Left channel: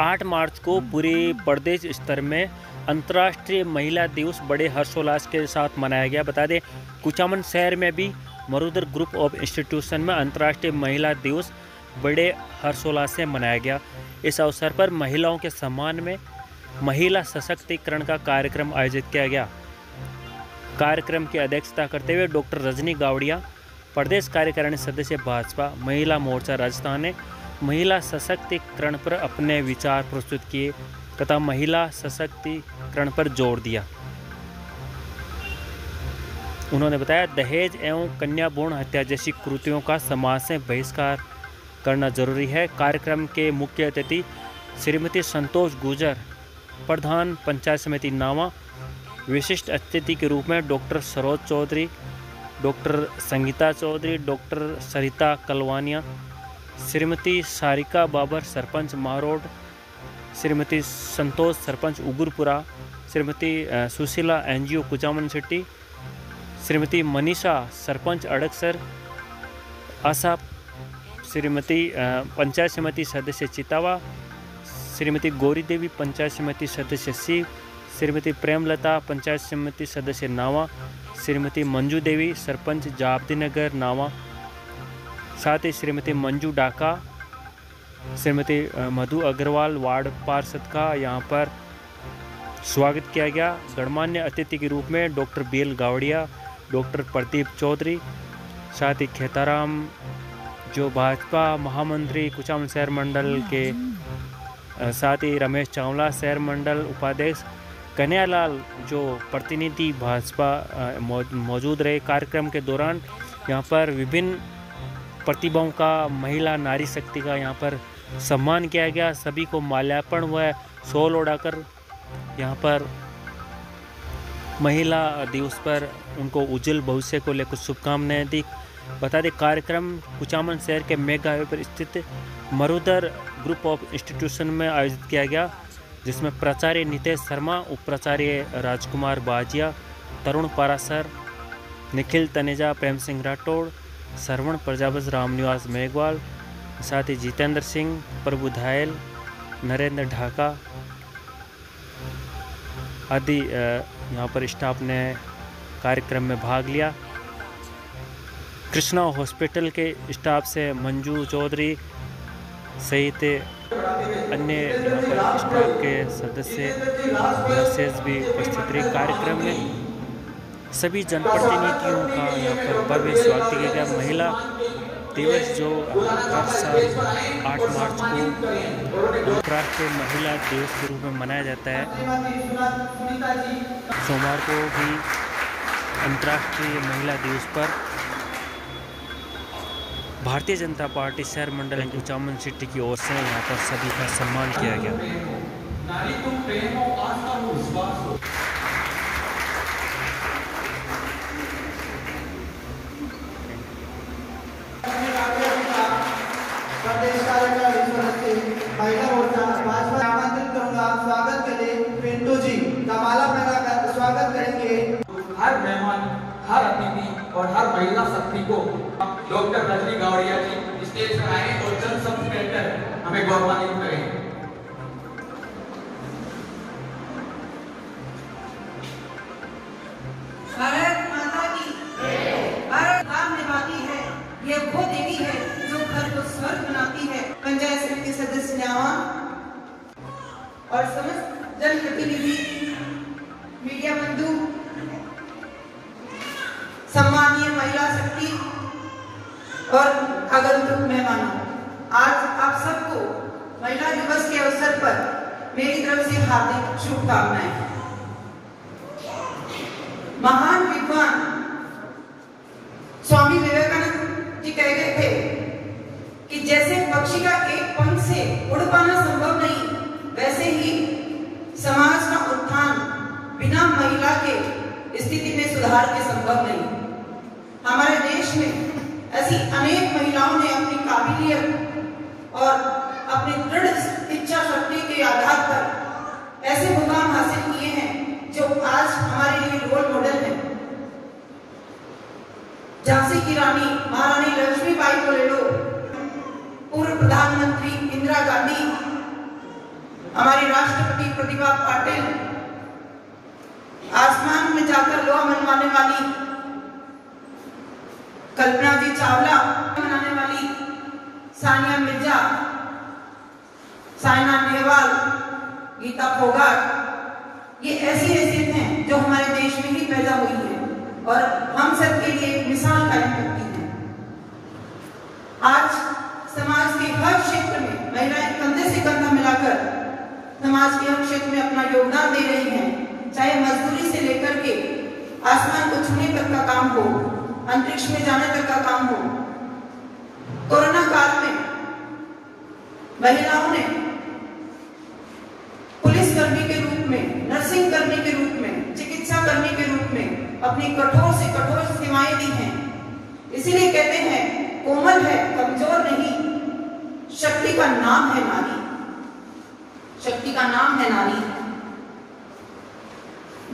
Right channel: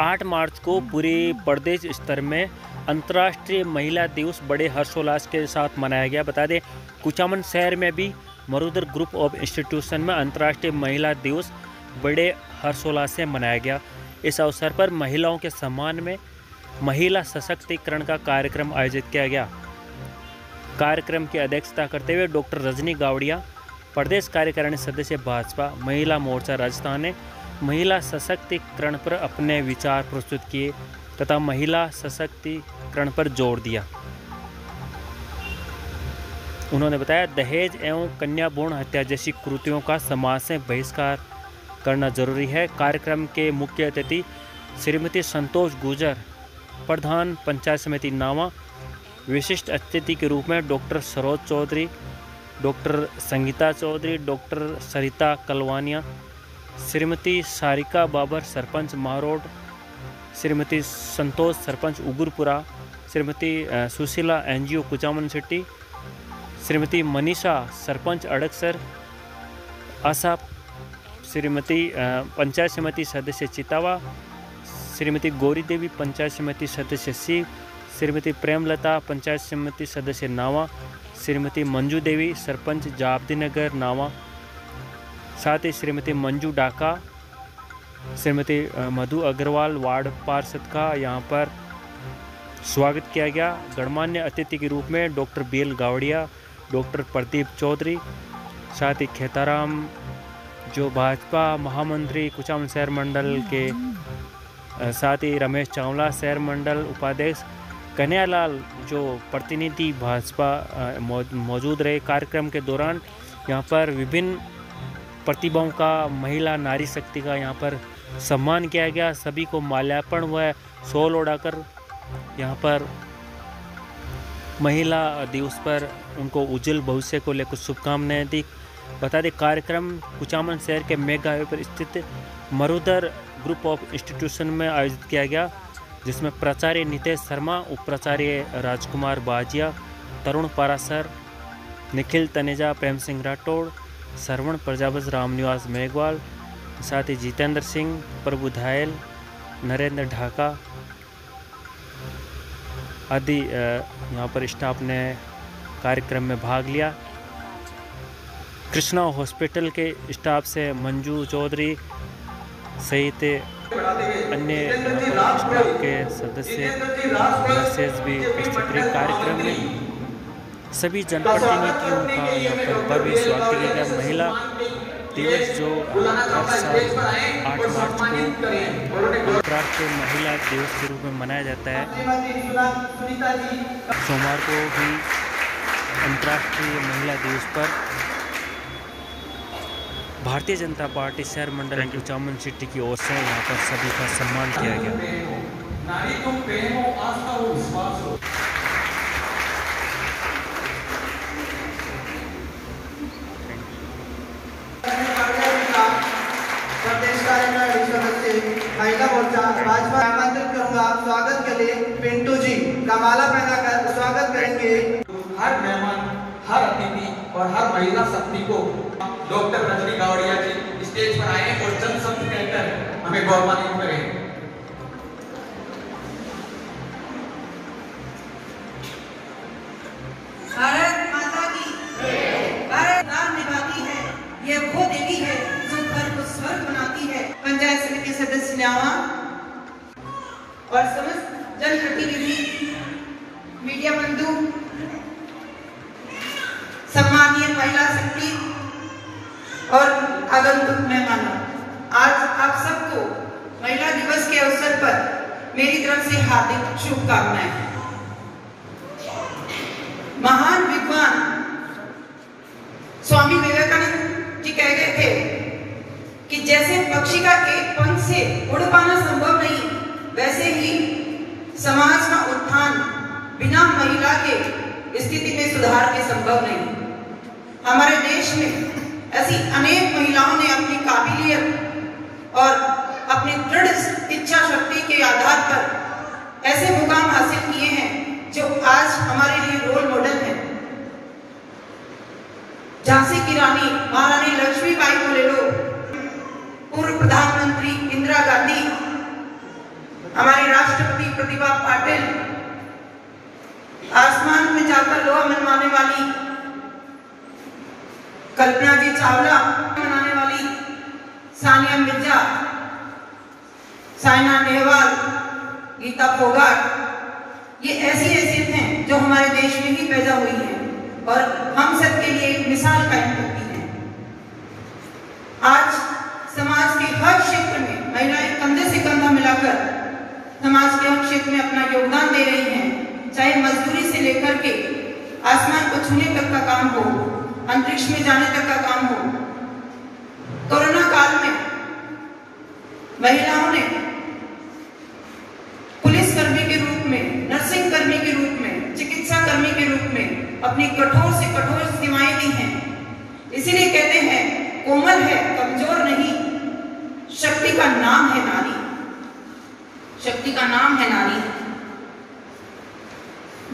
8 मार्च को पूरे प्रदेश स्तर में अंतर्राष्ट्रीय महिला दिवस बड़े हर्षोल्लास के साथ मनाया गया। बता दें, कुचामन शहर में भी मरुधर ग्रुप ऑफ इंस्टीट्यूशन में अंतर्राष्ट्रीय महिला दिवस बड़े हर्षोल्लास से मनाया गया। इस अवसर पर महिलाओं के सम्मान में महिला सशक्तिकरण का कार्यक्रम आयोजित किया गया। कार्यक्रम की अध्यक्षता करते हुए डॉक्टर रजनी गावड़िया, प्रदेश कार्यकारिणी सदस्य भाजपा महिला मोर्चा राजस्थान ने महिला सशक्तिकरण पर अपने विचार प्रस्तुत किए तथा महिला सशक्तिकरण पर जोर दिया। उन्होंने बताया, दहेज एवं कन्या भ्रूण हत्या जैसी कृतियों का समाज से बहिष्कार करना जरूरी है। कार्यक्रम के मुख्य अतिथि श्रीमती संतोष गुर्जर, प्रधान पंचायत समिति नावा, विशिष्ट अतिथि के रूप में doctor Saroj Chaudhary, doctor Sangeeta Chaudhary, doctor Sarita Kalwania, Shrimati Sarika Babar, sarpanch Marod, Shrimati Santosh, sarpanch Ugurpura, Shrimati Sushila NGO Kuchaman city, Shrimati Manisha, sarpanch Adkasar Asha, Shrimati panchayat samiti सदस्य चितावा, श्रीमती गौरी देवी, पंचायत समिति सदस्य सीव, श्रीमती प्रेमलता, पंचायत समिति सदस्य नावा, श्रीमती मंजू देवी, सरपंच जाबदी नगर नावा, साथ ही श्रीमती मंजू डाका, श्रीमती मधु अग्रवाल, वार्ड पार्षद का यहाँ पर स्वागत किया गया। गणमान्य अतिथि के रूप में doctor BL Gawadia, doctor Pradeep Chaudhary, साथ ही खेताराम जो भाजपा महामंत्री कुचामन शहर मंडल के, साथ ही रमेश चावला शहर मंडल उपाध्यक्ष, कन्हैयालाल जो प्रतिनिधि भाजपा मौजूद रहे। कार्यक्रम के दौरान यहाँ पर विभिन्न प्रतिभाओं का, महिला नारी शक्ति का यहाँ पर सम्मान किया गया। सभी को माल्यार्पण व शॉल ओढ़ाकर यहाँ पर महिला दिवस पर उनको उज्जवल भविष्य को लेकर शुभकामनाएं दी। बता दें, कार्यक्रम कुचामन शहर के मेगा हाईवे पर स्थित मरुधर ग्रुप ऑफ इंस्टीट्यूशन में आयोजित किया गया, जिसमें प्राचार्य नितेश शर्मा, उप प्राचार्य राजकुमार बाजिया, तरुण पारासर, निखिल तनेजा, प्रेम सिंह राठौड़, श्रवण प्रजापति, रामनिवास मेघवाल, साथ ही जितेंद्र सिंह, प्रभु धायल, नरेंद्र ढाका आदि यहाँ पर स्टाफ ने कार्यक्रम में भाग लिया। कृष्णा हॉस्पिटल के स्टाफ से मंजू चौधरी सहित अन्य यहाँ पर स्टाफ के सदस्य, नर्सेज भी उपस्थित रहे। कार्यक्रम में सभी जनप्रतिनिधियों का यहाँ पर भव्य स्वागत किया गया। महिला दिवस जो हर साल 8 मार्च को अंतर्राष्ट्रीय महिला दिवस के रूप में मनाया जाता है, सोमवार को भी अंतर्राष्ट्रीय महिला दिवस पर भारतीय जनता पार्टी शहर मंडल कुचामन सिटी की ओर से यहाँ पर सभी का सम्मान किया गया। प्रदेश कार्यकारिणी सदस्य महिला मोर्चा भाजपा आमंत्रित करूंगा स्वागत के लिए पिंटू जी का माला पहनाकर स्वागत करेंगे। हर मेहमान, हर अतिथि और हर महिला शक्ति को डॉक्टर रजनी गावड़िया जी स्टेज पर आए और जनसमूह कहकर हमें गौरवान्वित करें। भारत माता की भारत नाम निभाती है, ये वो देवी है जो घर को स्वर्ग बनाती है। पंचायत समिति सदस्य न्यावा और समस्त जनप्रतिनिधि, मीडिया बंधु, सम्मानीय महिला शक्ति और आगंतुक मेहमानों, आज आप सबको महिला दिवस के अवसर पर मेरी तरफ से हार्दिक शुभकामनाएं। महान विद्वान स्वामी विवेकानंद जी कह गए थे कि जैसे पक्षी का एक पंख से उड़ पाना संभव नहीं, वैसे ही समाज का उत्थान बिना महिला के स्थिति में सुधार के संभव नहीं। हमारे देश में ऐसी अनेक महिलाओं ने अपनी काबिलियत और अपनी दृढ़ इच्छा शक्ति के आधार पर ऐसे मुकाम हासिल किए हैं जो आज हमारे लिए रोल मॉडल है। झांसी की रानी महारानी लक्ष्मीबाई को ले लो, पूर्व प्रधानमंत्री इंदिरा गांधी, हमारी राष्ट्रपति प्रतिभा पाटिल, आसमान में जाकर लोहा मनवाने वाली कल्पना जी चावला, बनाने वाली सानिया मिर्जा, साइना नेहवाल, गीता फोगाट, ये ऐसी हैं जो हमारे देश में ही पैदा हुई है और हम सब के लिए एक मिसाल कायम करती हैं। आज समाज के हर क्षेत्र में महिलाएं कंधे से कंधा मिलाकर समाज के हर क्षेत्र में अपना योगदान दे रही हैं, चाहे मजदूरी से लेकर के आसमान को छूने तक का काम हो, अंतरिक्ष में जाने तक का काम हो। कोरोना काल में महिलाओं ने पुलिस कर्मी के रूप में, नर्सिंग कर्मी के रूप में, चिकित्सा कर्मी के रूप में अपनी कठोर से कठोर सेवाएं दी हैं। इसीलिए कहते हैं कोमल है, कमजोर नहीं, शक्ति का नाम है नारी, शक्ति का नाम है नारी।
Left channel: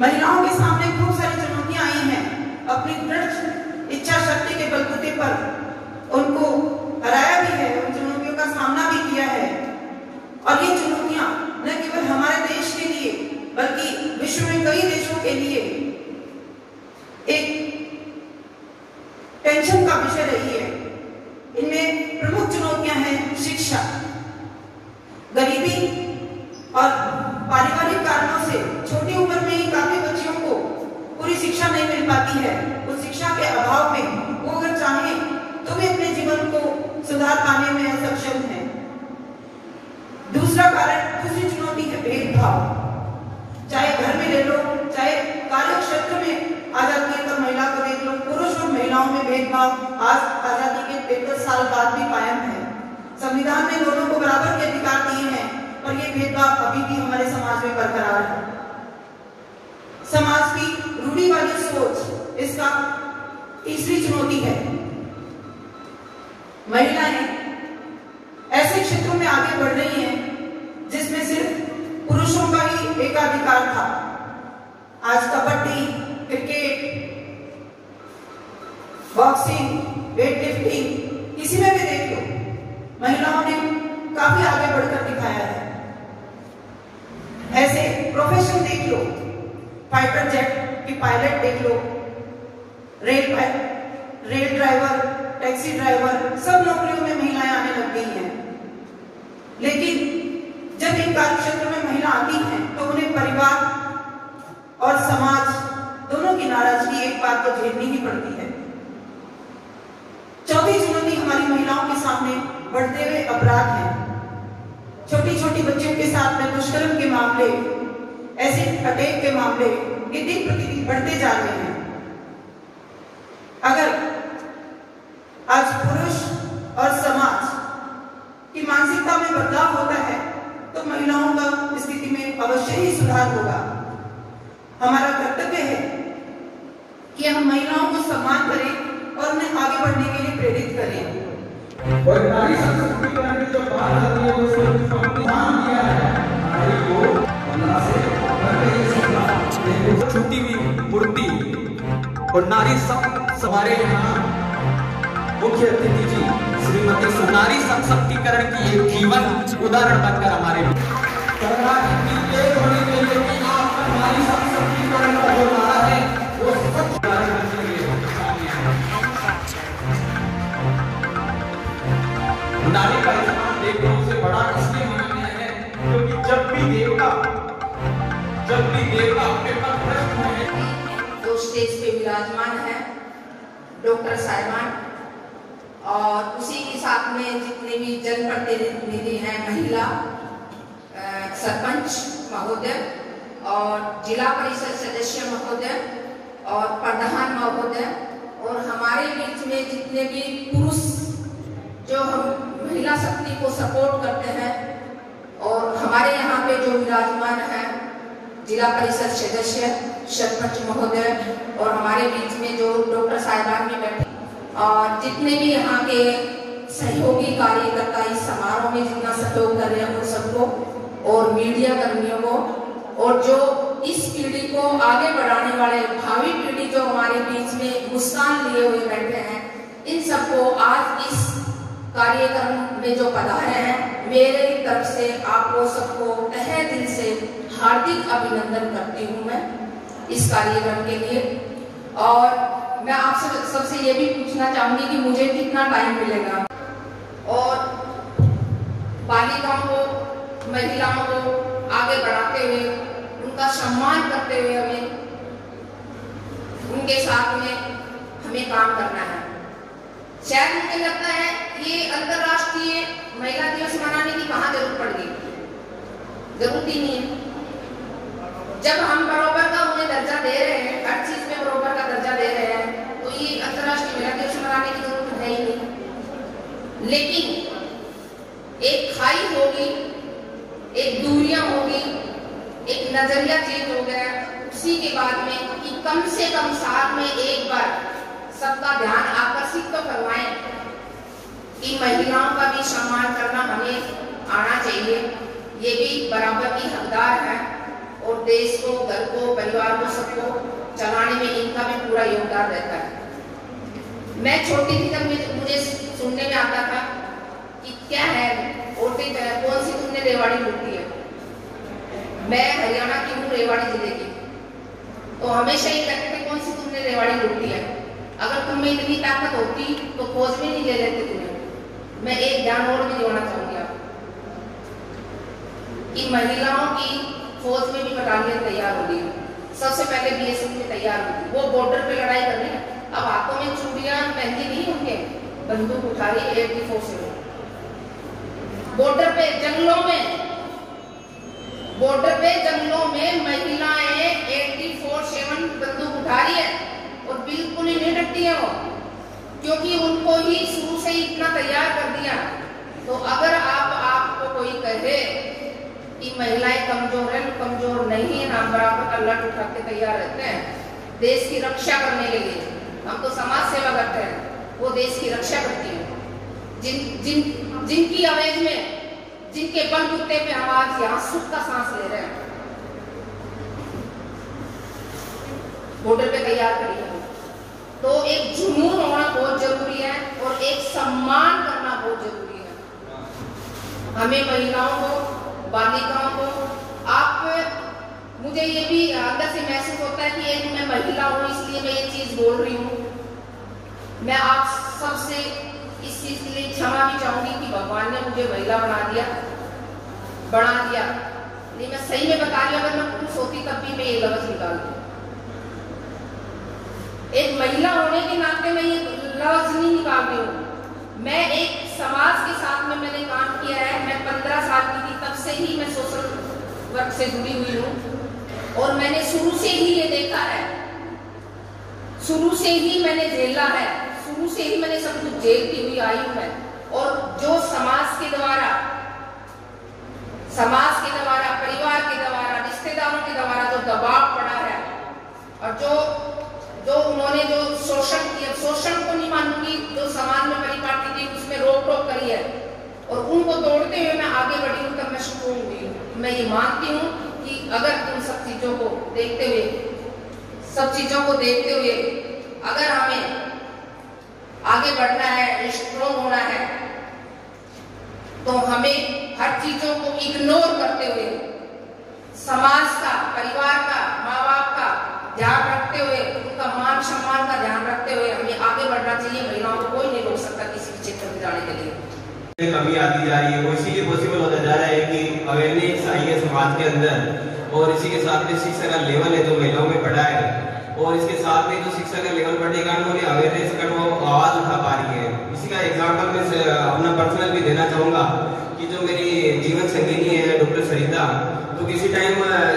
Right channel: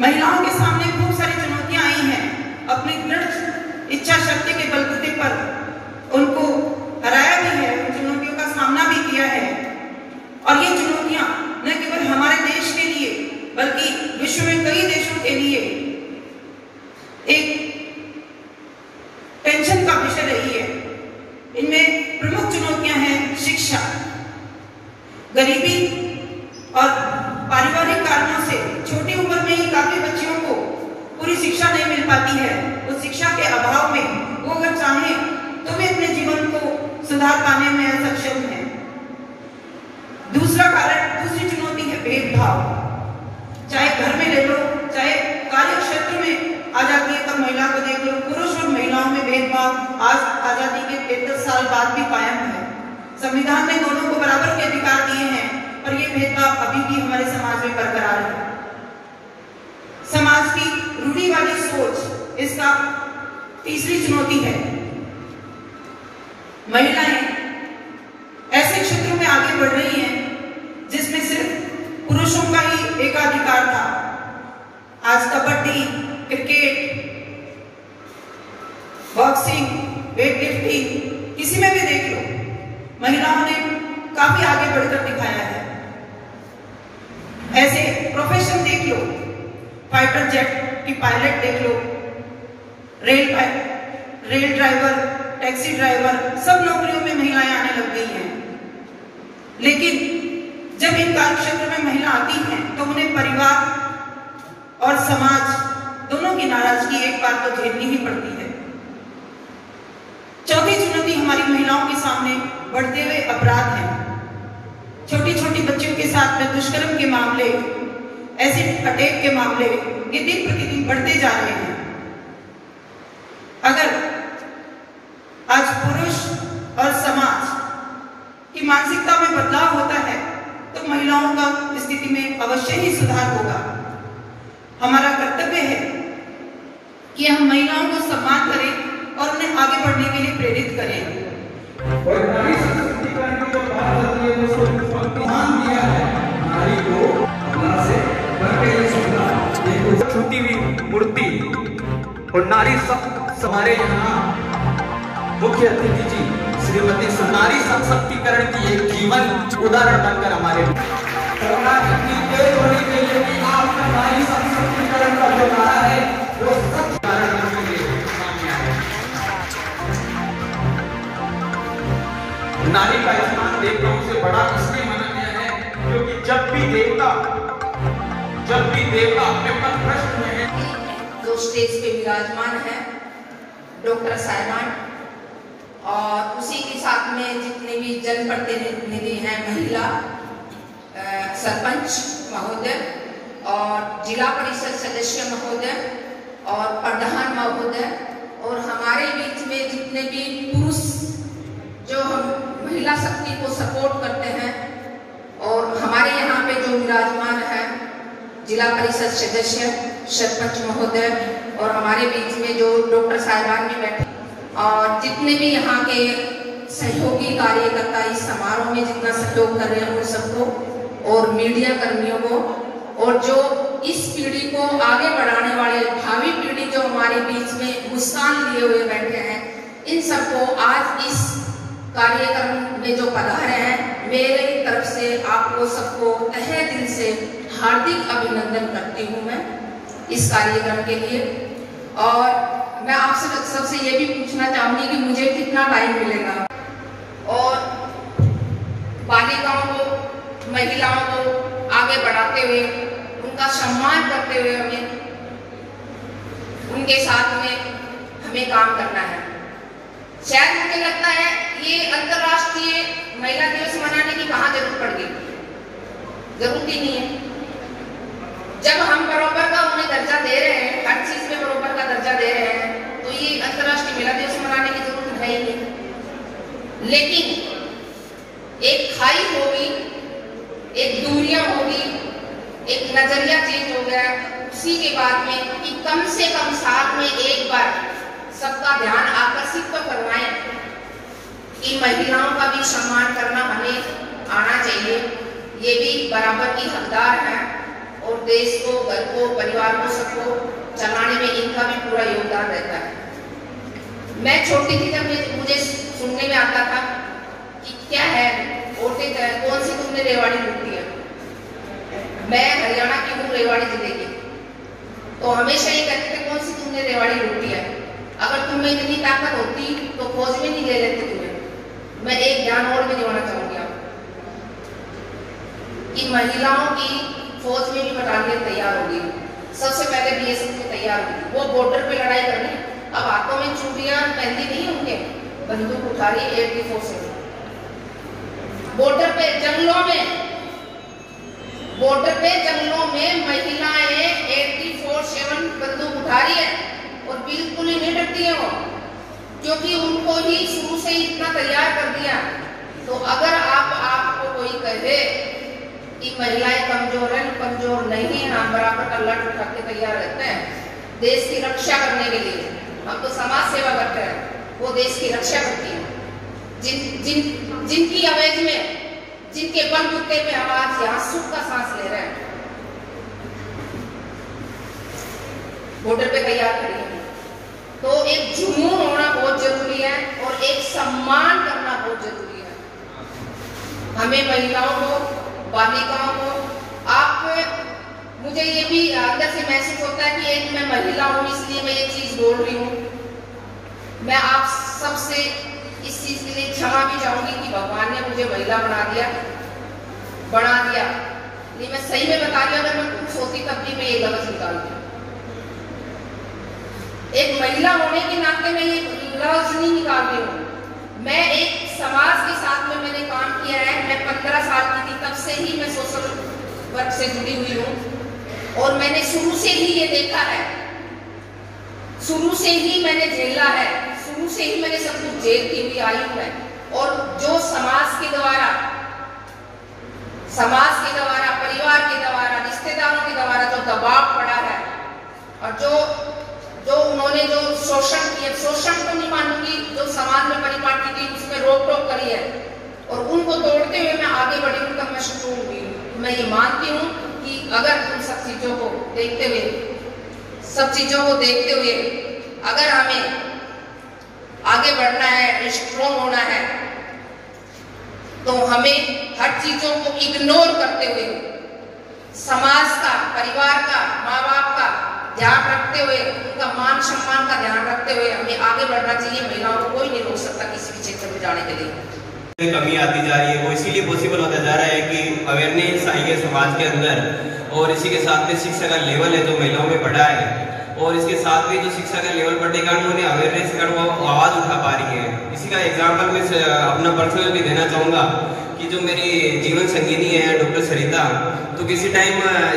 महिलाओं के सामने खूब सारी चुनौतियां आई हैं, अपनी दृढ़ इच्छा शक्ति के बलबूते पर उनको हराया भी है, उन चुनौतियों का सामना भी किया है। और ये चुनौतियां न केवल हमारे देश के लिए बल्कि विश्व में कई देशों के लिए एक टेंशन का विषय रही है। इनमें प्रमुख चुनौतियां हैं शिक्षा, गरीबी और पारिवारिक कारणों से छोटी उम्र में ही काफी बच्चियों को पूरी शिक्षा नहीं मिल पाती है। उस शिक्षा के अभाव में वो अगर चाहे तो भी अपने जीवन को सुधार पाने में असक्षम है। दूसरा कारण, दूसरी चुनौती है भेदभाव। चाहे घर में ले लो, चाहे कार्य क्षेत्र में आ जाती है, तब महिला को देख लो, पुरुष और महिलाओं में भेदभाव आज आजादी के 73 साल बाद भी कायम है। संविधान ने दोनों को बराबर के अधिकार दिए हैं, पर यह भेदभाव अभी भी हमारे समाज में बरकरार है। समाज की रूढ़िवादी सोच इसका तीसरी चुनौती है। महिलाएं ऐसे क्षेत्रों में आगे बढ़ रही हैं जिसमें सिर्फ पुरुषों का ही एकाधिकार था। आज कबड्डी, क्रिकेट, बॉक्सिंग, वेटलिफ्टिंग, किसी में भी देख लो, महिलाओं ने काफी आगे बढ़कर दिखाया है। ऐसे प्रोफेशन देख लो, फाइटर जेट की पायलट देख लो, रेल ड्राइवर, टैक्सी ड्राइवर, सब नौकरियों में महिलाएं आने लग गई हैं। लेकिन जब इन कार्य क्षेत्र में महिला आती हैं तो उन्हें परिवार और समाज दोनों की नाराजगी एक बार तो झेलनी ही पड़ती है। चौथी चुनौती हमारी महिलाओं के सामने बढ़ते हुए अपराध है। छोटी छोटी बच्चियों के साथ में दुष्कर्म के मामले, एसिड अटैक के मामले ये दिन प्रतिदिन बढ़ते जा रहे हैं। अगर आज पुरुष और समाज की मानसिकता में बदलाव होता है तो महिलाओं का स्थिति में अवश्य ही सुधार होगा। हमारा कर्तव्य है कि हम महिलाओं को सम्मान करें और उन्हें आगे बढ़ने के लिए प्रेरित करें। और नारी सशक्तिकरण की जो बात होती है जिसको संविधान दिया है, नारी को अल्लाह से करके एक छुट्टी हुई मूर्ति। और नारी हमारे यहाँ मुख्य अतिथि जी श्रीमती नारी सशक्तिकरण की एक जीवन उदाहरण बनकर हमारे सरकार की तेज होनी चाहिए कि आपका नारी सशक्तिकरण का जो नारा है वो सच के लिए सामने आए। नारी का स्थान देवताओं से बड़ा इसलिए माना गया है क्योंकि जब भी देवता अपना प्रश्न है जो स्टेज पे विराजमान है डॉक्टर साहिबान और उसी के साथ में जितने भी जनप्रतिनिधि हैं, महिला सरपंच महोदय और जिला परिषद सदस्य महोदय और प्रधान महोदय और हमारे बीच में जितने भी पुरुष जो हम महिला शक्ति को सपोर्ट करते हैं और हमारे यहाँ पे जो विराजमान है जिला परिषद सदस्य, सरपंच महोदय और हमारे बीच में जो डॉक्टर साहिबान भी बैठे और जितने भी यहाँ के सहयोगी कार्यकर्ता इस समारोह में जितना सहयोग कर रहे हैं उन सबको और मीडिया कर्मियों को और जो इस पीढ़ी को आगे बढ़ाने वाले भावी पीढ़ी जो हमारे बीच में मुस्कान लिए हुए बैठे हैं, इन सबको आज इस कार्यक्रम में जो पधारे हैं मेरे तरफ से आपको सबको तहे दिल से हार्दिक अभिनंदन करती हूँ मैं इस कार्यक्रम के लिए। और मैं आपसे सबसे ये भी पूछना चाहूंगी कि मुझे कितना टाइम मिलेगा और बालिकाओं को, महिलाओं को आगे बढ़ाते हुए, उनका सम्मान करते हुए उनके साथ में हमें काम करना है। शायद मुझे लगता है ये अंतर्राष्ट्रीय महिला दिवस मनाने की कहाँ जरूरत पड़ गई, जरूरत ही नहीं है। जब हम बराबर का उन्हें दर्जा दे रहे हैं, हर चीज में बराबर का दर्जा दे रहे हैं, तो ये अंतर्राष्ट्रीय महिला दिवस मनाने की जरूरत है ही नहीं। लेकिन एक खाई होगी, एक दूरियां होगी, एक नजरिया चेंज हो गया, उसी के बाद में कि कम से कम साल में एक बार सबका ध्यान आकर्षित तो करवाएं कि महिलाओं का भी सम्मान करना हमें आना चाहिए। ये भी बराबर की हकदार हैं और देश को, घर को, परिवार को, सबको चलाने में इनका भी पूरा योगदान रहता है। मैं छोटी थी तब मुझे सुनने में आता था कि क्या है औरतें, कौन सी तुमने रेवाड़ी लूटी है। मैं हरियाणा की हूँ, रेवाड़ी जिले की, तो हमेशा ये कहते थे कौन सी तुमने रेवाड़ी लूटी है। अगर तुम्हें इतनी ताकत होती तो फौज में नहीं ले लेते तुम्हें। मैं एक ज्ञान और भी जोड़ना चाहूंगी आपको कि महिलाओं की फौज में भी बटालियन तैयार होगी। सबसे पहले बीएसएफ में तैयार होगी, वो बॉर्डर पे लड़ाई करनी। अब हाथों में चूड़ियां पहनती नहीं उनके, बंदूक उठा रही 84 बॉर्डर पे, जंगलों में महिलाएं 84/7 बंदूक उठा रही है और बिल्कुल ही नहीं डरती है वो, क्योंकि उनको ही शुरू से ही इतना तैयार कर दिया। तो अगर आपको कोई कहे कि महिलाएं कमजोर है, कमजोर नहीं है, हम बराबर का लट उठा के तैयार रहते हैं देश की रक्षा करने के लिए। हम तो समाज सेवा करते हैं, वो देश की रक्षा करती है। जिनकी आवाज में, जिनके बलबूते पे हम आज यहाँ सुख का सांस ले रहे हैं, बॉर्डर पे तैयार खड़ी है। तो एक जुनून होना बहुत जरूरी है और एक सम्मान करना बहुत जरूरी है। हमें महिलाओं को, बालिकाओं को, मुझे ये भी अंदर से महसूस होता है कि एक मैं महिला हूँ इसलिए मैं ये चीज बोल रही हूँ। मैं आप सबसे इस चीज के लिए क्षमा भी चाहूंगी कि भगवान ने मुझे महिला बना दिया। लेकिन मैं सही में बता रही हूँ, अगर मैं पुरुष होती तब भी मैं ये लफ्ज निकालती। एक महिला होने के नाते मैं ये लफ्ज नहीं निकाल रही हूँ। मैं एक समाज के साथ में मैंने काम किया है। मैं 15 साल की थी तब से ही मैं सोशल वर्क से जुड़ी हुई हूँ और मैंने शुरू से ही ये देखा है, शुरू से ही मैंने झेला है, शुरू से ही मैंने सब कुछ झेलती हुई आई हूँ मैं। और जो समाज के द्वारा, परिवार के द्वारा, रिश्तेदारों के द्वारा जो दबाव पड़ा है और जो उन्होंने जो शोषण किया, शोषण को नहीं मानूंगी, जो समाज में परिपाटी थी उसमें रोक टोक करी है और उनको तोड़ते हुए मैं आगे बढ़ी हूँ तब मैं स्ट्रोंग हुई। मैं ये मानती हूँ कि अगर उन सब चीजों को देखते हुए अगर हमें आगे बढ़ना है, स्ट्रोंग होना है, तो हमें हर चीजों को इग्नोर करते हुए समाज का, परिवार का, माँ बाप का ध्यान रखते हुए, उनका मान सम्मान का ध्यान रखते हुए हमें आगे बढ़ना चाहिए। महिलाओं को कोई नहीं रोक सकता किसी भी क्षेत्र में जाने के लिए। कमी आती जा रही है, वो इसीलिए पॉसिबल होता जा रहा है कि अवेयरनेस आई है समाज के अंदर और इसी के साथ में शिक्षा का लेवल है जो महिलाओं में बढ़ा है और इसके साथ में जो शिक्षा का लेवल बढ़ने के कारण उन्हें अवेयरनेस का वो आवाज उठा पा रही है। इसी का एग्जाम्पल मैं अपना पर्सनल भी देना चाहूंगा कि जो मेरी जीवन संगिनी है डॉक्टर सरिता, तो किसी टाइम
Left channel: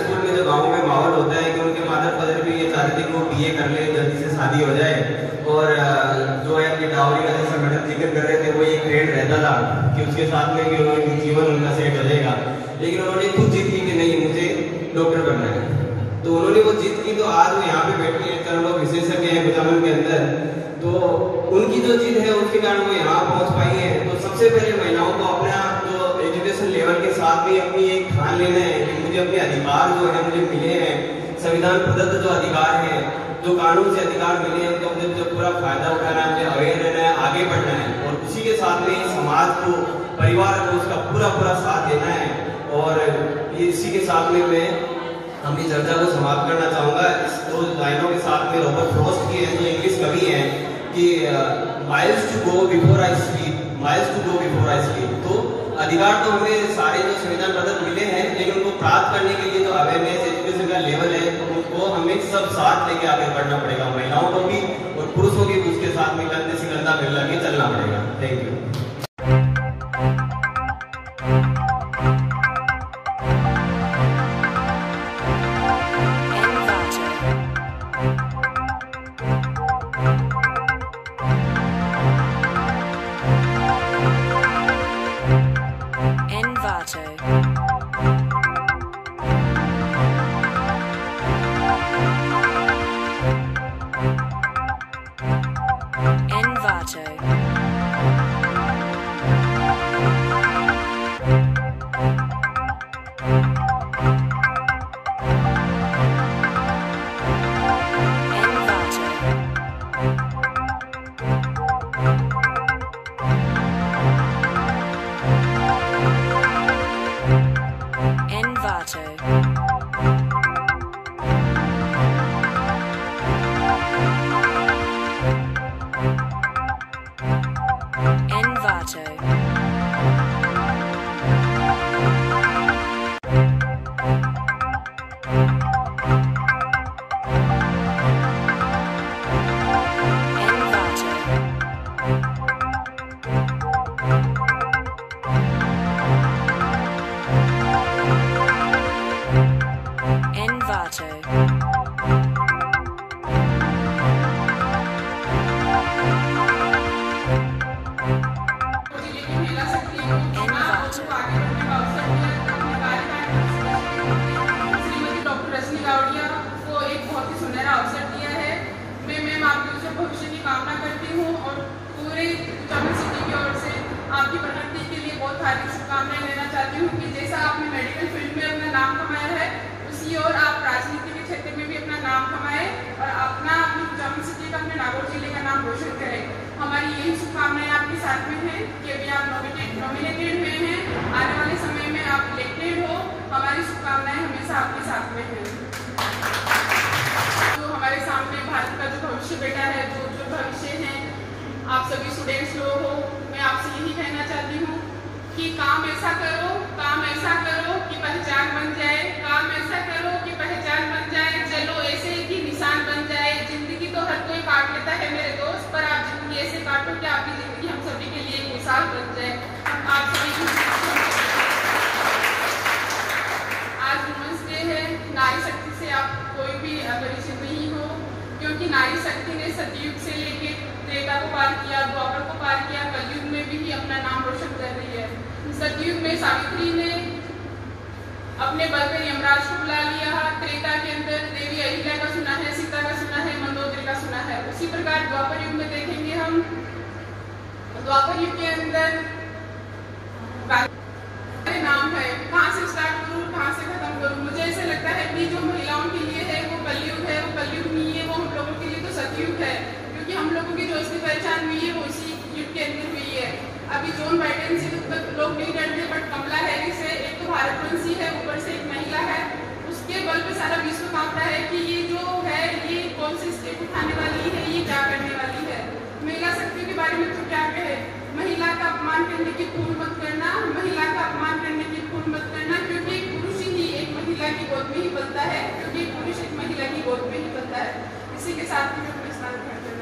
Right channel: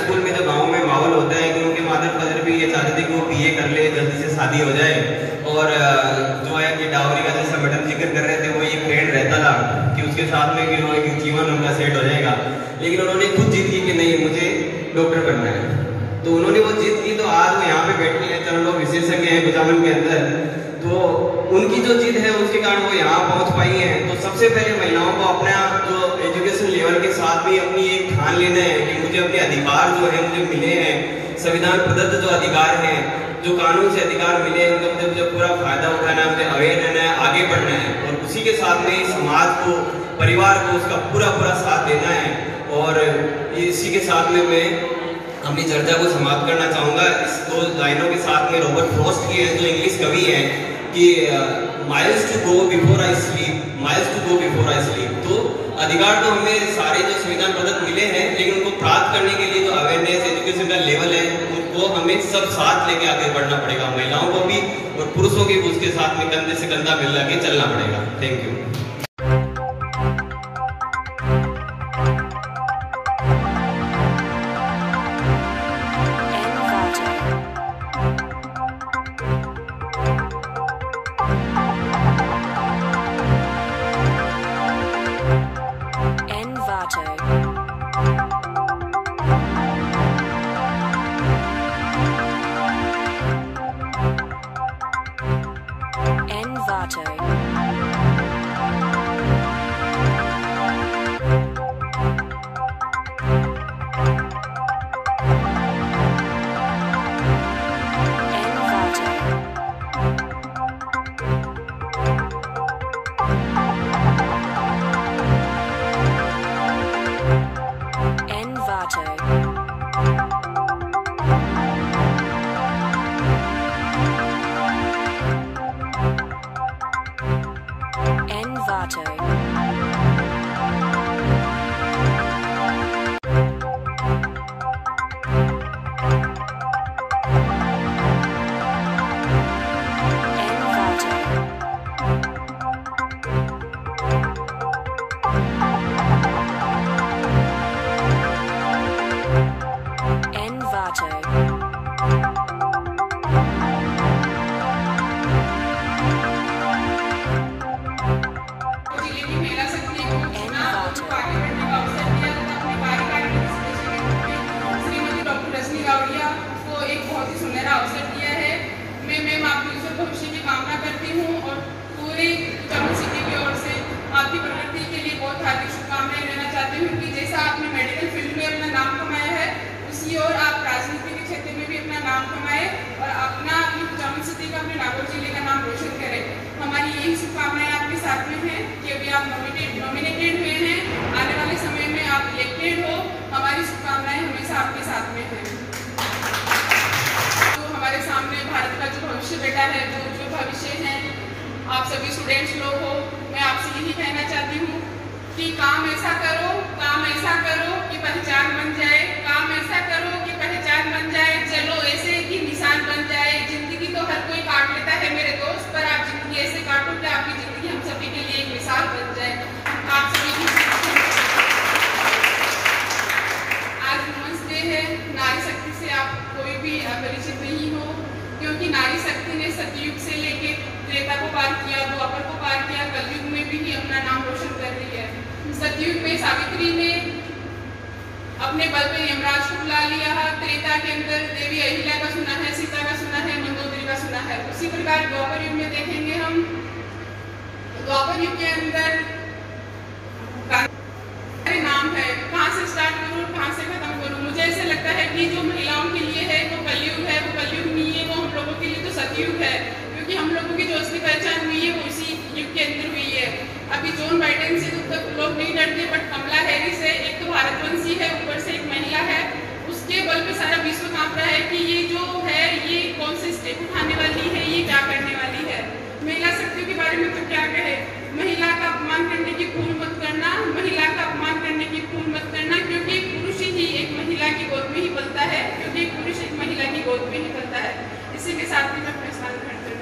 स्कूल में जो गाँव में माहौल होता है कि उनके माता पिता भी ये चाहते थे कि वो BA कर ले, जल्दी से शादी हो जाए और जो है कि डावरी का जैसा मैडम जिक्र कर रहे थे वो ये ट्रेंड रहता था कि उसके साथ में कि जीवन उनका सेट हो जाएगा। लेकिन उन्होंने खुद जिद की कि नहीं मुझे डॉक्टर बनना है, तो उन्होंने वो जिद की। तो आज यहाँ पे बैठने लेकर लोग विशेषज्ञ हैं विटामिन के अंदर, तो उनकी जो जिद है उसके कारण वो यहाँ पहुँच पाई है। तो सबसे पहले महिलाओं को अपना जो एजुकेशन लेवल के साथ भी अपनी एक ठान लेना है कि मुझे अपने अधिकार जो है मुझे मिले हैं, संविधान प्रदत्त जो अधिकार है, जो कानून से अधिकार मिले हैं, उनका मुझे पूरा फायदा उठाना है, मुझे अवेयर रहना है, आगे बढ़ना है और उसी के साथ में समाज को परिवार को उसका पूरा पूरा साथ देना है। और इसी के साथ में मैं अपनी चर्चा को समाप्त करना चाहूँगा इस 2 लाइनों के साथ में। रॉबर्ट फ्रॉस्ट की जो इंग्लिश कवि हैं कि miles to go before I sleep, miles to go before I sleep. तो अधिकार तो हमें सारे जो संविधान पदक मिले हैं, लेकिन उनको प्राप्त करने के लिए जो अवेयरनेस एजुकेशन का लेवल है उनको हमें सब साथ लेके आगे बढ़ना पड़ेगा, महिलाओं को भी और पुरुषों की भी उसके साथ में कंधे से कंधा मिला के चलना पड़ेगा। Thank you. भविष्य की कामना करती हूँ और पूरे चमन सिटी की ओर से आपकी प्रगति के लिए बहुत हार्दिक शुभकामनाएं लेना चाहती हूँ कि जैसा आपने मेडिकल फील्ड में अपना नाम कमाया है उसी और आप राजनीति के क्षेत्र में भी अपना नाम कमाए और अपनी चमन सिटी का, अपने नागौर जिले का नाम रोशन करें। हमारी यही शुभकामनाएं आपके साथ में है कि अभी आप नॉमिनेटेड हुए हैं, आने वाले समय में आप इलेक्टेड हो, हमारी शुभकामनाएं हमेशा आपके साथ में है। तो हमारे सामने भारत का जो भविष्य बेटा है, जो भविष्य है, आप सभी स्टूडेंट्स लोग हो, मैं आपसे यही कहना चाहती हूँ कि काम ऐसा करो कि पहचान बन जाए, काम ऐसा करो कि पहचान बन जाए, चलो ऐसे कि निशान बन जाए। जिंदगी तो हर कोई काट लेता है मेरे दोस्त, पर आप जिंदगी ऐसे काटो कि आपकी जिंदगी हम सभी के लिए एक मिसाल बन जाए। आप सभी की आज वुमेन्स डे है, नारी शक्ति से आप कोई भी अपरिचित नहीं हो, क्योंकि नारी शक्ति ने सतयुग से लेके त्रेता को पार किया, द्वापर को पार किया, कलयुग में भी अपना नाम रोशन कर रही है। सतयुग में सावित्री ने अपने बल पर यमराज को बुला लिया, त्रेता के अंदर देवी अहिल्या का सुना है, सीता का सुना है, मंदोदरी का सुना है। उसी प्रकार द्वापर युग में देखेंगे हम, द्वापर युग के अंदर नाम है, कहाँ से स्टार्ट करूँ, कहाँ से खत्म करूँ। मुझे ऐसे लगता है कि जो महिलाओं के लिए है वो कलयुग है, वो कलयुग नहीं है, वो हम लोगों के लिए तो सतयुग है, क्योंकि हम लोगों की जो असली पहचान हुई है वो इसी युग के अंदर हुई है। अभी जॉन बाइडेन से तक लोग नहीं डरते, बट कमला हैरिस है, एक तो भारतवंशी है, ऊपर से एक महिला है, उसके बल पे सारा विश्व कांप रहा है कि ये जो है ये कौन से स्टेप उठाने वाली है, ये क्या करने वाली है। महिला शक्ति के बारे में तो क्या कहे, महिला का अपमान करने की भूल मत करना, महिला का अपमान करने की भूल मत करना, क्योंकि एक पुरुष ही एक महिला की गोद में ही पलता है, क्योंकि एक पुरुष एक महिला की गोद में ही पलता है। इसी के साथ ही मैं अपना स्नान ग्रहण